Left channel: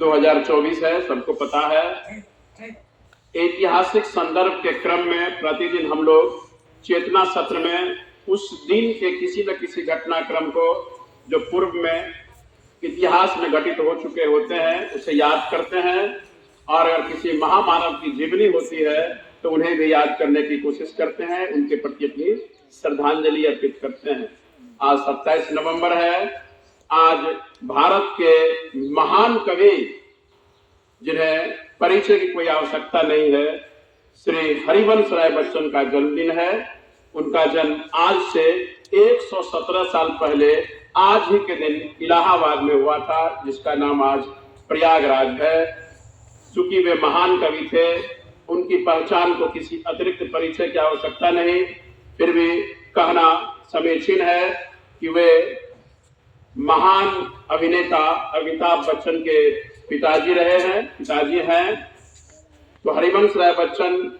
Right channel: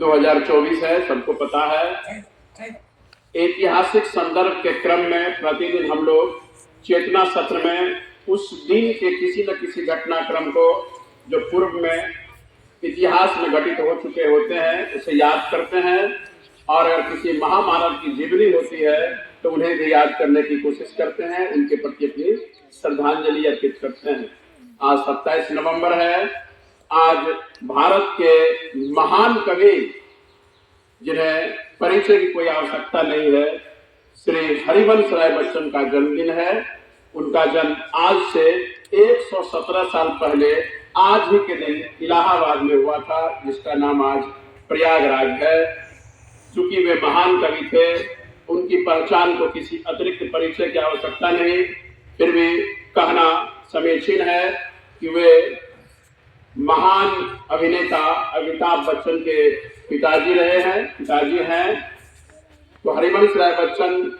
2024 है, सबको पता है। ऐतिहासिक संदर्भ के क्रम में प्रतिदिन हम लोग चेतना सत्र में उस दिन के किसी न किसी घटनाक्रम को जो पूर्व में इतिहास में घटित हो चुके होते हैं उसे याद करते हैं, और अगर किसी महामानव की जीवनी होती है तो उन्हें भी याद करने की कोशिश करते हैं, उनके प्रति अपनी श्रद्धांजलि अर्पित करते हैं। आज 27 नवंबर है। आज भारत के महान कवि, जिन्हें परिचय की कोई आवश्यकता नहीं है, श्री हरिवंश राय बच्चन का जन्मदिन है। उनका जन्म आज से 117 साल पहले आज ही के दिन इलाहाबाद में हुआ था, जिसका नाम आज प्रयागराज है। चूंकि वे महान कवि थे, उनकी पहचान को किसी अतिरिक्त परिचय की आवश्यकता नहीं, फिर भी कहना समीचीन है कि वे महान अभिनेता अमिताभ बच्चन के पिताजी हैं। तो हरिवंश राय बच्चन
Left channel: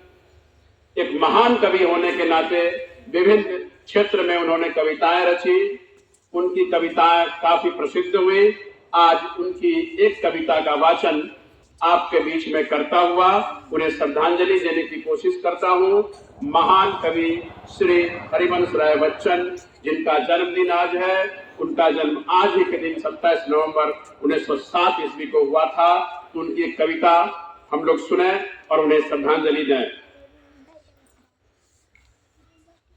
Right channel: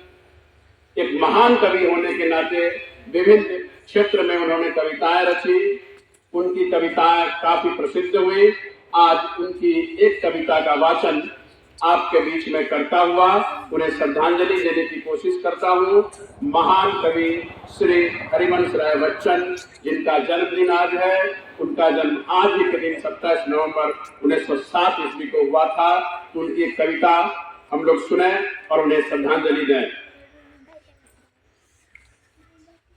एक महान कवि होने के नाते विभिन्न क्षेत्र में उन्होंने कविताएं रची। उनकी कविताएं काफी प्रसिद्ध हुई। आज उनकी एक कविता का वाचन आपके बीच में करता हुआ उन्हें श्रद्धांजलि देने की कोशिश करता हूं। महान कवि श्री हरिवंश राय बच्चन, जिनका जन्मदिन आज है, उनका जन्म आज ही के दिन 27 नवंबर 1907 ईस्वी को हुआ था। तो उनकी एक कविता हम लोग सुने और उन्हें श्रद्धांजलि दें।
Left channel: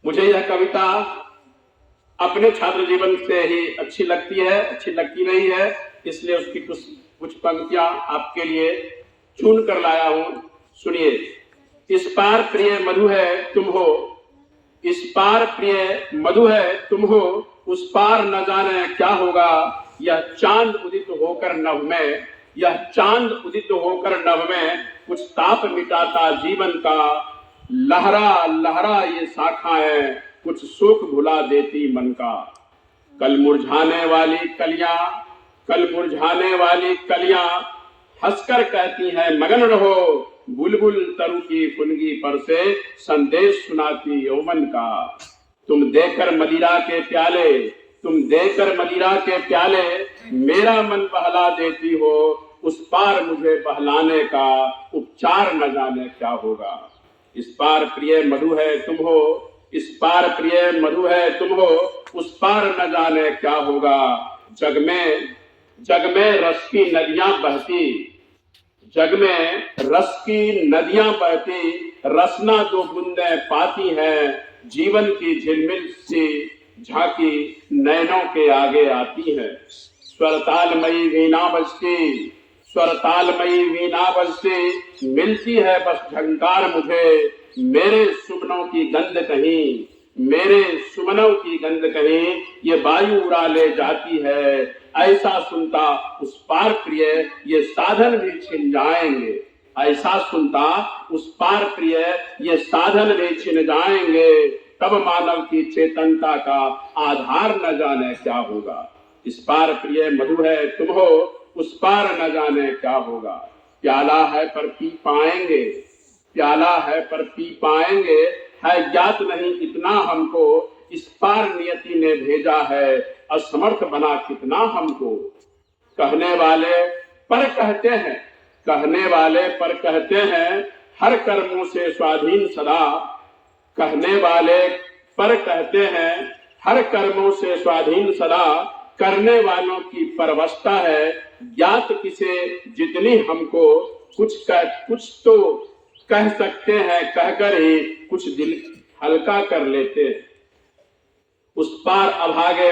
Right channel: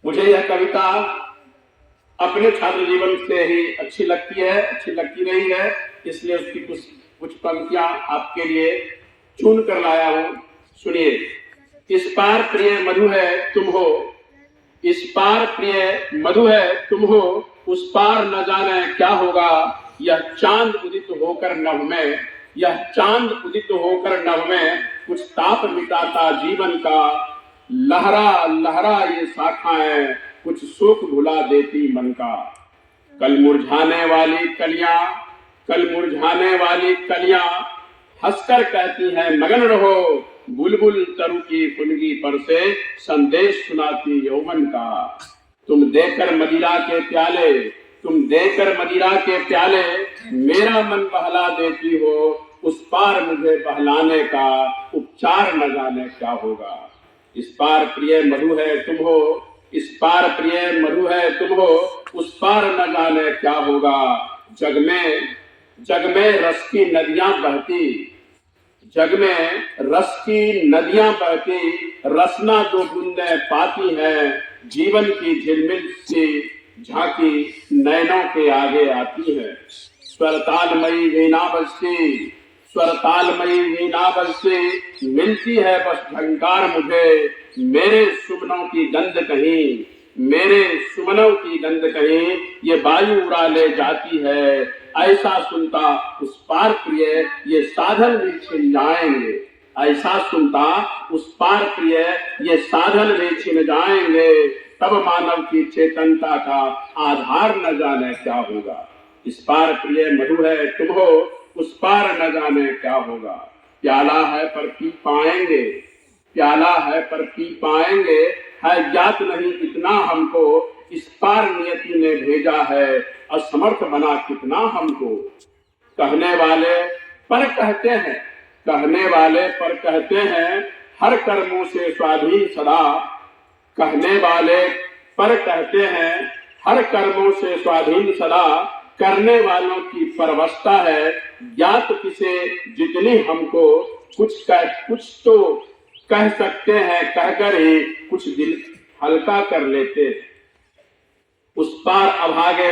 मुझे यह कविता अपने छात्र जीवन से ही अच्छी लगती रही है, इसलिए उसकी कुछ पंक्तियां आपके लिए चुन कर लाया हूं। सुनिए। इस पार प्रिय मधु है तुम हो, इस पार प्रिय मधु है तुम हो, उस पार न जाने क्या होगा। यह चांद उदित होकर नभ में, यह चांद उदित होकर नभ में, कुछ ताप मिटाता जीवन का। लहरा लहरा ये शाखाएं, कुछ शोक भुला देती मन का। कल मुरझाने वाली कलियां हंसकर कहती हैं मगन रहो। बुलबुल तरु की फुनगी पर से संदेश सुनाती यौवन का। तुम देकर मदिरा के प्याले मेरा मन बहला देती हो। उस पार मुझे बहलाने का उपचार न जाने क्या होगा। इस पार प्रिय मधु है तुम हो, इस पार प्रिय मधु है तुम हो, उस पार न जाने क्या होगा। जग में रस की नदियां बहती, जग में रस की नदियां बहती, रसना दो बूंदें पाती हैं। जीवन की झिलमिल सी झांकी नैनों के आगे आती है। स्वरतालमयी वीणा बजती, मिलती है बस झंकार मुझे। मेरे सुमनों की गंध कहीं ये वायु उड़ा ले जाती है। ऐसा सुनता उस पार प्रिय ये साधन भी छिन जाएंगे। ऐसा सुनता उस पार प्रिय ये साधन भी छिन जाएंगे। तब मानव की चेतनता का आधार न जाने क्या होगा। इस पार प्रिय मधु है तुम हो, उस पार न जाने क्या होगा। प्याला है पर पी पाएंगे, है ज्ञात नहीं इतना हमको। इस पार नियति ने भेजा है, असमर्थ बना कितना हमको। कहने वाले पर कहते हैं हर कर्मों से स्वाधीन सदा। कहने वाले पर कहते हैं हर कर्मों से स्वाधीन सदा। करने वालों की परवशता है, ज्ञात किसे जितनी हमको। कुछ तो कह सकते हैं, कहकर ही कुछ दिल हल्का कर लेते। उस पार अभागे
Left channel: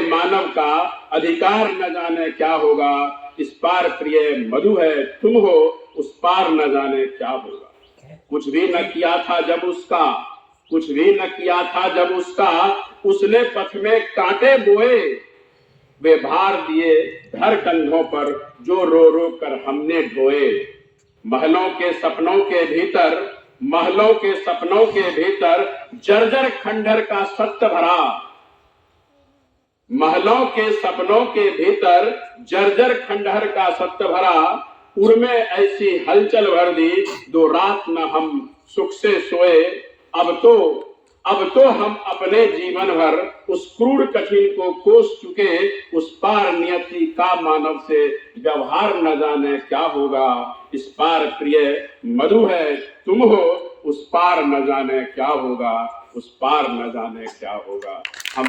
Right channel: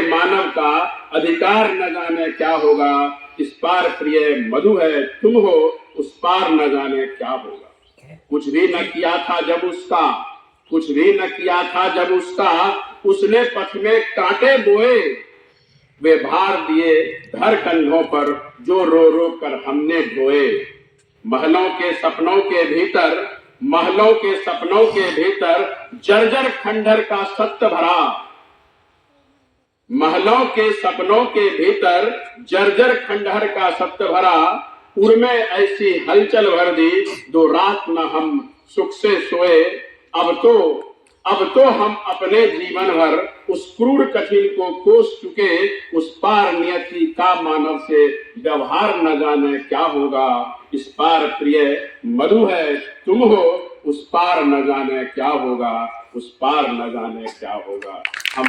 मानव का अधिकार न जाने क्या होगा। इस पार प्रिय मधु है तुम हो, उस पार न जाने क्या होगा। कुछ भी न किया था जब उसका, उसने पथ में कांटे बोए। वे भार दिए घर कंधों पर, जो रो रो कर हमने ढोए। महलों के सपनों के भीतर जर्जर खंडहर का सत्य भरा। महलों के सपनों के भीतर जर्जर खंडहर का सत्य भरा। उर में ऐसी हलचल भर दी, दो रात न हम सुख से सोए। अब तो अब तो हम अपने जीवन भर उस क्रूर कठिन को कोस चुके, उस पार नियति का मानव से व्यवहार न जाने क्या होगा। इस पार प्रिय मधु है तुम हो, उस पार न जाने क्या होगा, उस पार न जाने क्या होगा। हम